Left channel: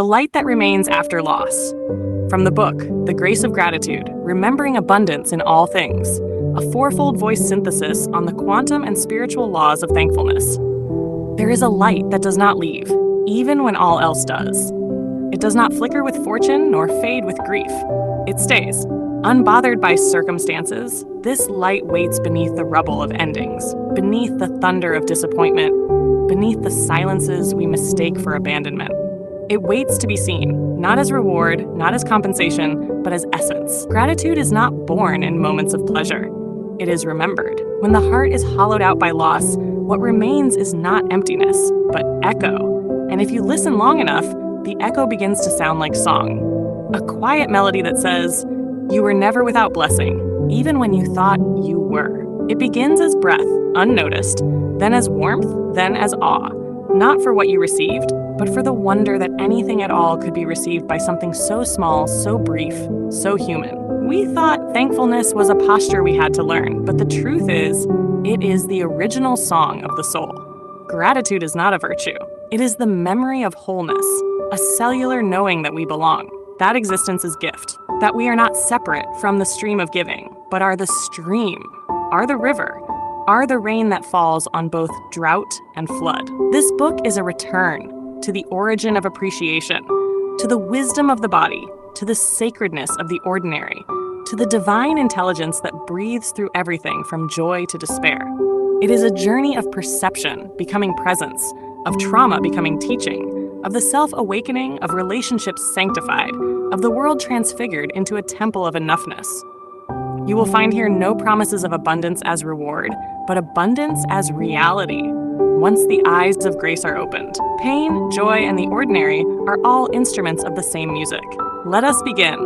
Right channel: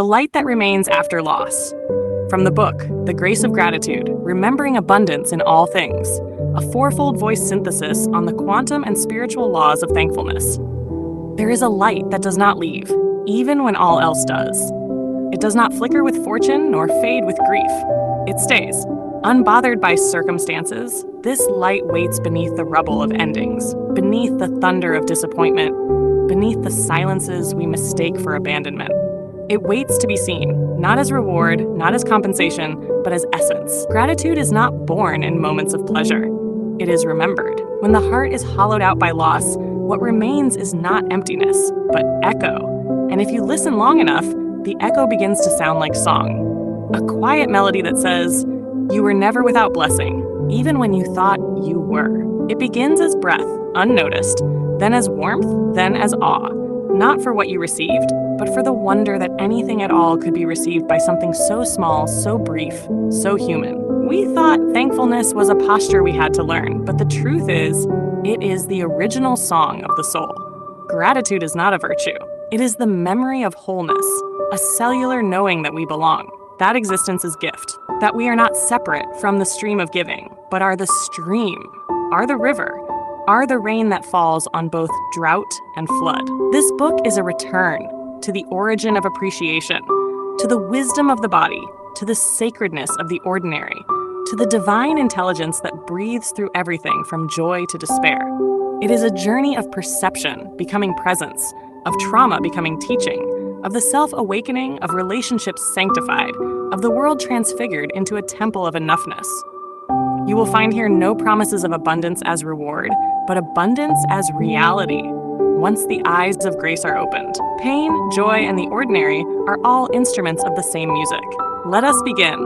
The light that remains after loss. From the book, The Grace of Gratitude, Remembering Abundance in All Things, a fourfold voice synthesis on the quantum and spiritual laws of thankfulness. There is a light that does not leave, even when all else does. It does not flicker with fortune nor fade with grief. It stays. Unbothered by circumstances, this light waits beneath the rubble of endings, beneath the thunder of disappointment, beneath the silences we mistake for abandonment. It waits to be seen, not as reward, not as compensation, but as essence. Gratitude is not born in moments of pleasure. It is remembered. When the heart is hollowed out by loss, what remains is not emptiness, but echo. And if you listen long enough, the echo begins to sound like song. A quiet melody that says, "You were never without blessing, even when you thought you were." It begins as breath, unnoticed, then as warmth, then as awe, not for what you received, but for the wonder that anything at all could be received by something so small, so brief, so human. We thought thankfulness was a posture we had to learn, but the truth is, it is the original song of the soul. Gratitude is not a virtue. It is the memory of wholeness, a cellular knowing that we belong. That existence is gift, that we are not separate from the stream of giving, but are the stream, are the river, are the rain that falls on both drought and flood. This book is a return to the origin of appreciation, to the wisdom of the body, to the sacredness of the ordinary, to the divine intelligence that breathes through everything from joy to despair. It is a journey of perception becoming presence, of trauma becoming teaching, of the self-awakening, of relationships sanctified, of the world transfigured into a temple of enoughness. You will find here no promises of abundance as reward, but abundance as reality, once the eyes of grace are opened. Pain, joy, and the ordinary are all instruments of the same music. Let us begin,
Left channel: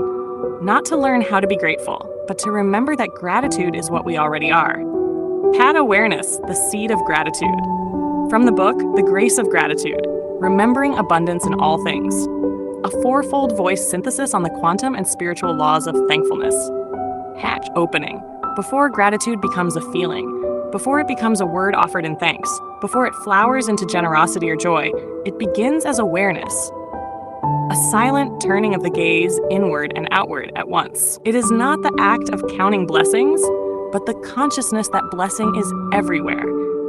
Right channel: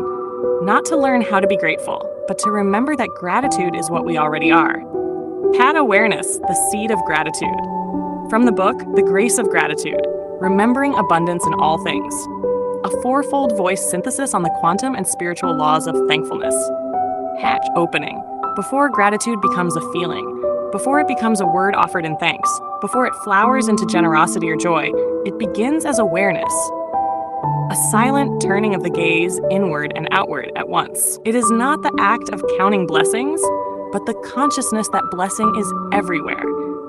not to learn how to be grateful, but to remember that gratitude is what we already are. Pat awareness, the seed of gratitude. From the book, The Grace of Gratitude, Remembering Abundance in All Things, a fourfold voice synthesis on the quantum and spiritual laws of thankfulness. Hatch opening, before gratitude becomes a feeling, before it becomes a word offered in thanks, before it flowers into generosity or joy, it begins as awareness. A silent turning of the gaze inward and outward at once. It is not the act of counting blessings, but the consciousness that blessing is everywhere,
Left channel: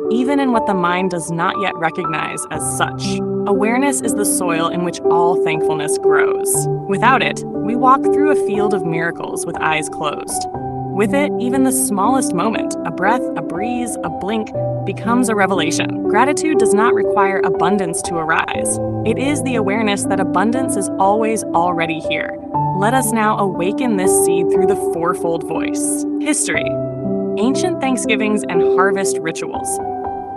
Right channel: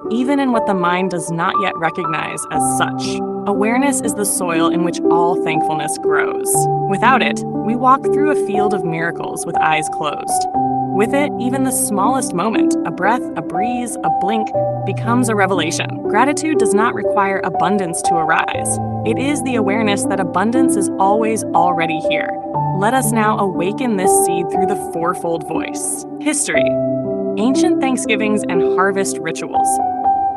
even in what the mind does not yet recognize as such. Awareness is the soil in which all thankfulness grows. Without it, we walk through a field of miracles with eyes closed. With it, even the smallest moment, a breath, a breeze, a blink, becomes a revelation. Gratitude does not require abundance to arise. It is the awareness that abundance is always already here. Let us now awaken this seed through the fourfold voice. History. Ancient Thanksgivings and harvest rituals.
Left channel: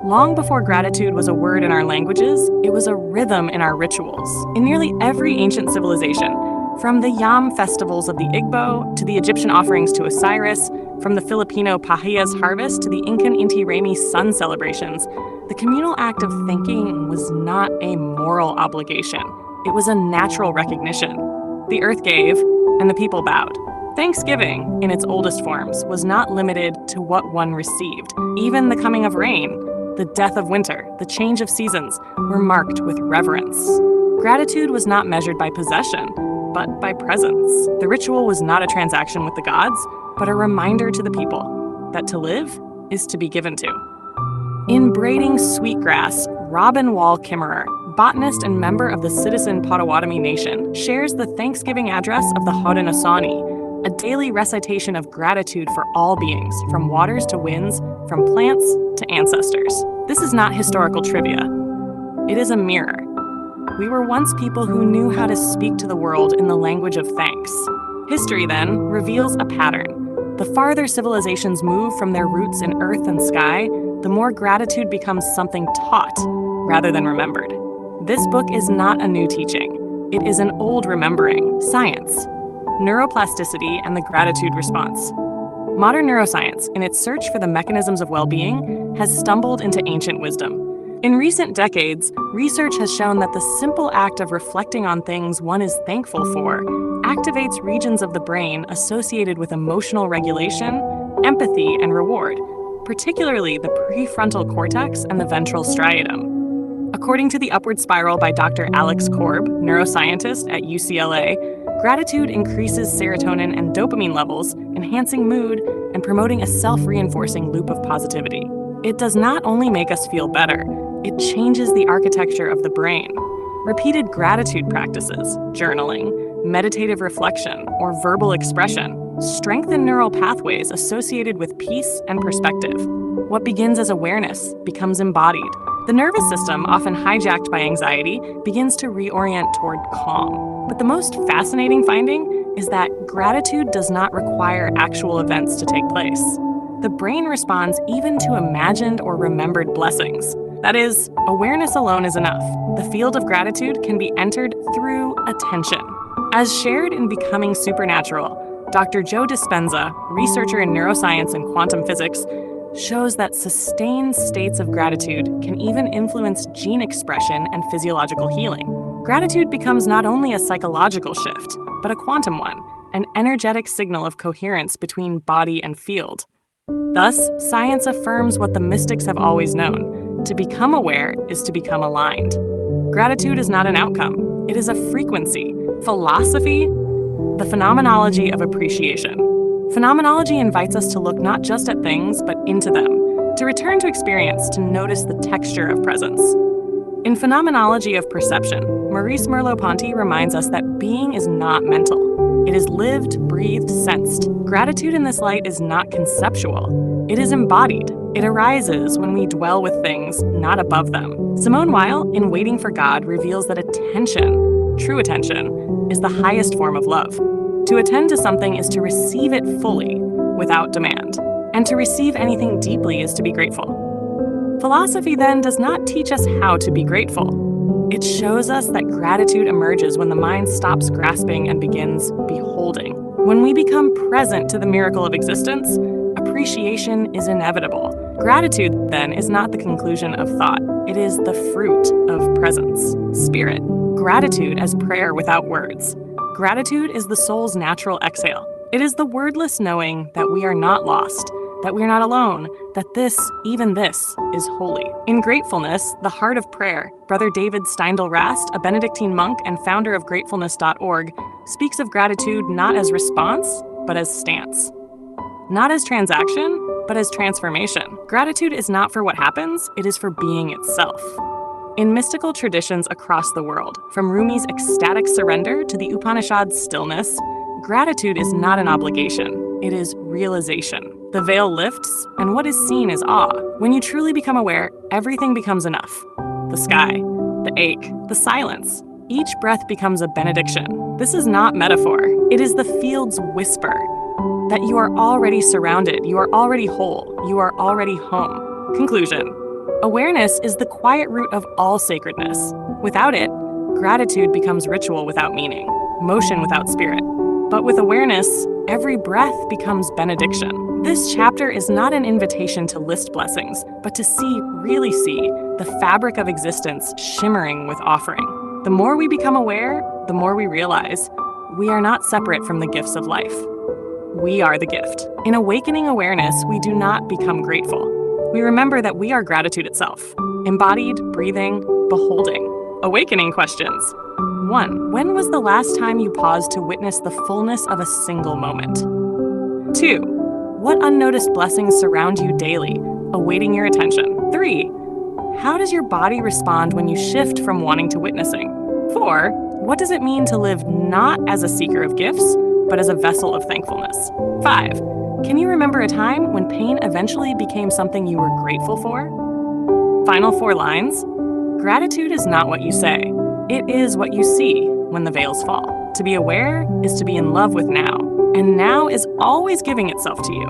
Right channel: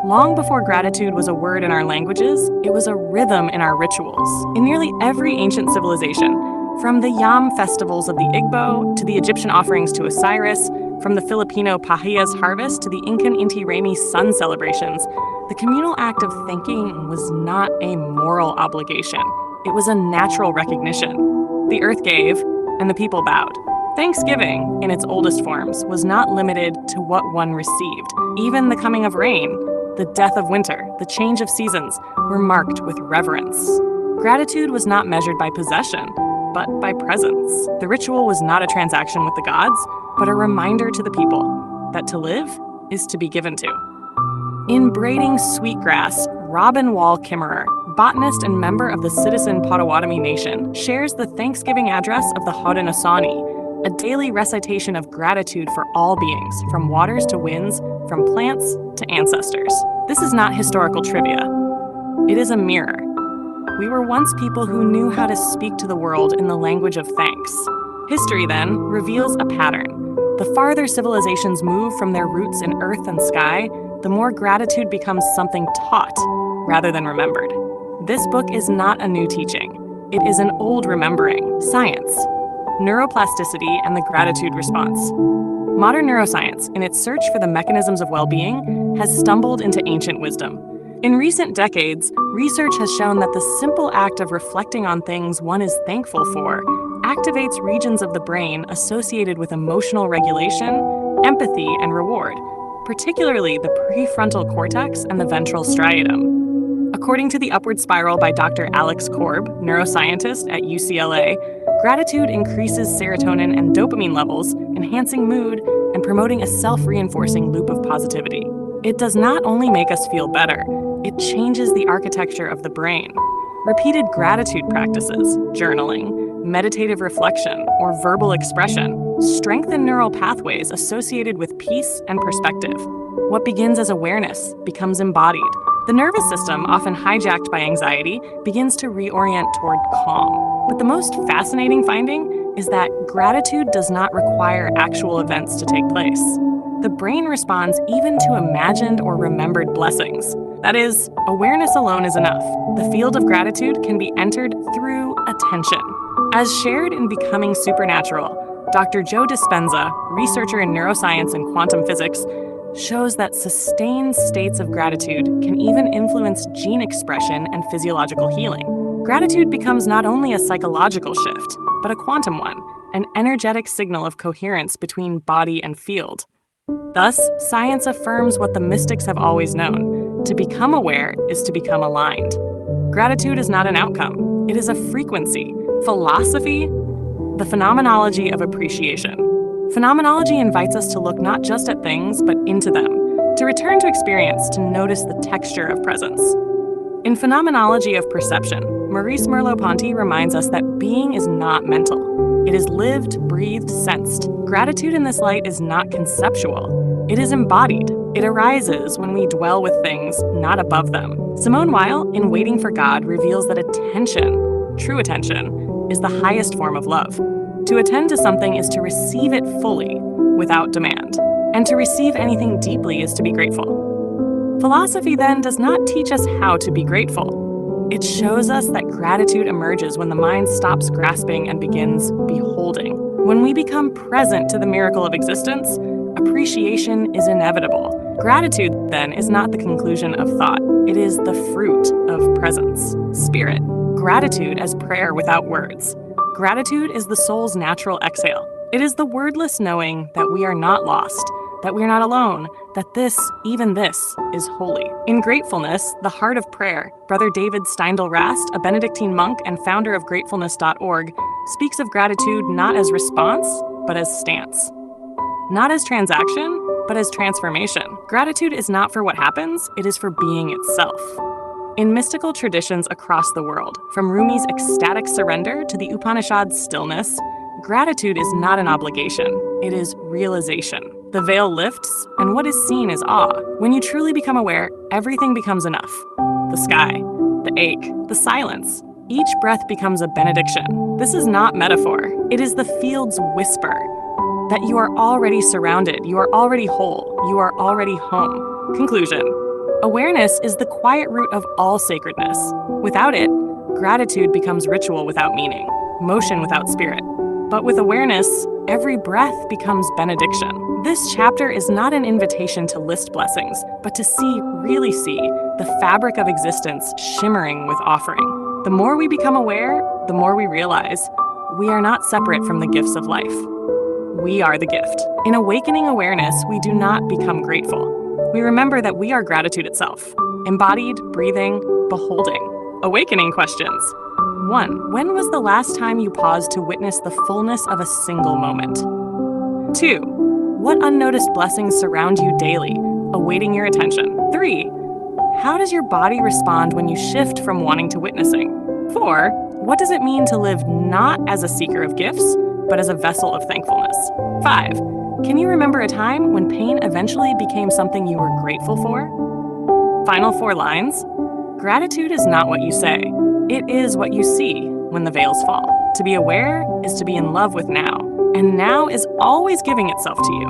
Long before gratitude was a word in our languages, it was a rhythm in our rituals. In nearly every ancient civilization, from the Yam festivals of the Igbo to the Egyptian offerings to Osiris, from the Filipino Pahia's harvest to the Incan Inti Raymi sun celebrations, the communal act of thanking was not a moral obligation. It was a natural recognition. The earth gave, and the people bowed. Thanksgiving, in its oldest forms, was not limited to what one received. Even the coming of rain, the death of winter, the change of seasons were marked with reverence. Gratitude was not measured by possession, but by presence. The ritual was not a transaction with the gods, but a reminder to the people that to live is to be given to. In Braiding Sweetgrass, Robin Wall Kimmerer, botanist and member of the Citizen Potawatomi Nation, shares the Thanksgiving address of the Haudenosaunee, a daily recitation of gratitude for all beings, from waters to winds, from plants to ancestors. This is not historical trivia. It is a mirror. We were once people who knew how to speak to the world in the language of thanks. History, then, reveals a pattern. The farther civilizations move from their roots in earth and sky, the more gratitude becomes something taught rather than remembered. This book is not a new teaching. It is an old remembering, science, neuroplasticity, and the gratitude response. Modern neuroscience, in its search for the mechanisms of well-being, has stumbled into ancient wisdom. In recent decades, research has shown that the simple act of reflecting on things one is thankful for activates regions of the brain associated with emotional regulation, empathy, and reward, particularly the prefrontal cortex and the ventral striatum. According to The Upward Spiral by Dr. Alex Korb, neuroscientist at UCLA, gratitude increases serotonin and dopamine levels, enhancing mood and promoting a self-reinforcing loop of positivity. It does not only make us feel better, it changes the architecture of the brain. Repeated gratitude practices, journaling, meditative reflection, or verbal expression strengthen neural pathways associated with peace and perspective. What begins as awareness becomes embodied. The nervous system, often hijacked by anxiety, begins to reorient toward calm. But the most fascinating finding is that gratitude does not require actual events to take place. The brain responds even to imagined or remembered blessings. That is, awareness alone is enough. The field of gratitude can be entered through attention. As shared in Becoming Supernatural, Dr. Joe Dispenza, researcher in neuroscience and quantum physics, shows that sustained states of gratitude can even influence gene expression and physiological healing. Gratitude becomes not only a psychological shift, but a quantum one, an energetic signal of coherence between body and field. Thus, science affirms what the mystics have always known: to become aware is to become aligned. Gratitude is not an outcome, it is a frequency. Philosophy, the phenomenology of appreciation. Phenomenology invites us to look not just at things, but into them, to return to experience, to notice the texture of presence. In Phenomenology of Perception, Maurice Merleau-Ponty reminds us that being is not mental. It is lived, breathed, sensed. Gratitude in this light is not conceptual. It is embodied. It arises when we dwell with things, not above them. Simone Weil, in Waiting for God, reveals that attention, true attention, is the highest form of love. To attend to something is to receive it fully, without demand. And to receive anything deeply is to be grateful. Philosophy, then, does not teach us how to be grateful. It shows us that gratitude emerges when the mind stops grasping and begins beholding. When we become present to the miracle of existence, appreciation is inevitable. Gratitude, then, is not the conclusion of thought. It is the fruit of presence, spirit. Gratitude as prayer without words. Gratitude is the soul's natural exhale. It is the wordless knowing that we are not lost, that we are not alone, that this, even this, is holy. In Gratefulness, the Heart of Prayer, Brother David Steindl-Rast, a Benedictine monk and founder of gratefulness.org, speaks of gratitude not as response, but as stance. Not as transaction, but as transformation. Gratitude is not for what happens, it is for being itself. In mystical traditions across the world, from Rumi's ecstatic surrender to the Upanishad's stillness, gratitude is not an obligation, it is realization. The veil lifts, and what is seen is awe. When you truly become aware, everything becomes enough. The sky, the ache, the silence. Each breath becomes a benediction. This is not metaphor, it is the field's whisper. That you are already surrounded, you are already whole, you are already home. Conclusion. Awareness is the quiet root of all sacredness. Without it, gratitude becomes ritual without meaning, motion without spirit. But with awareness, every breath becomes benediction. This chapter is not an invitation to list blessings, but to see, really see, the fabric of existence shimmering with offering. The more we become aware, the more we realize we are not separate from the gifts of life. We are the gift. In awakening awareness, we do not become grateful. We remember that we are gratitude itself, embodied, breathing, beholding. Awakening questions. 1. When was the last time you paused to witness the fullness of a single moment? 2. What unnoticed blessings surround you daily, awaiting your attention? 3. How does your body respond when you shift from wanting to witnessing? 4. What does it mean to live not as a seeker of gifts, but as a vessel of thankfulness? 5. Can you remember a time when pain eventually became something you were grateful for? Final 4 lines. Gratitude is not what you say. It is what you see when the veils fall. To be aware is to be in love with now, and now is always giving itself to you.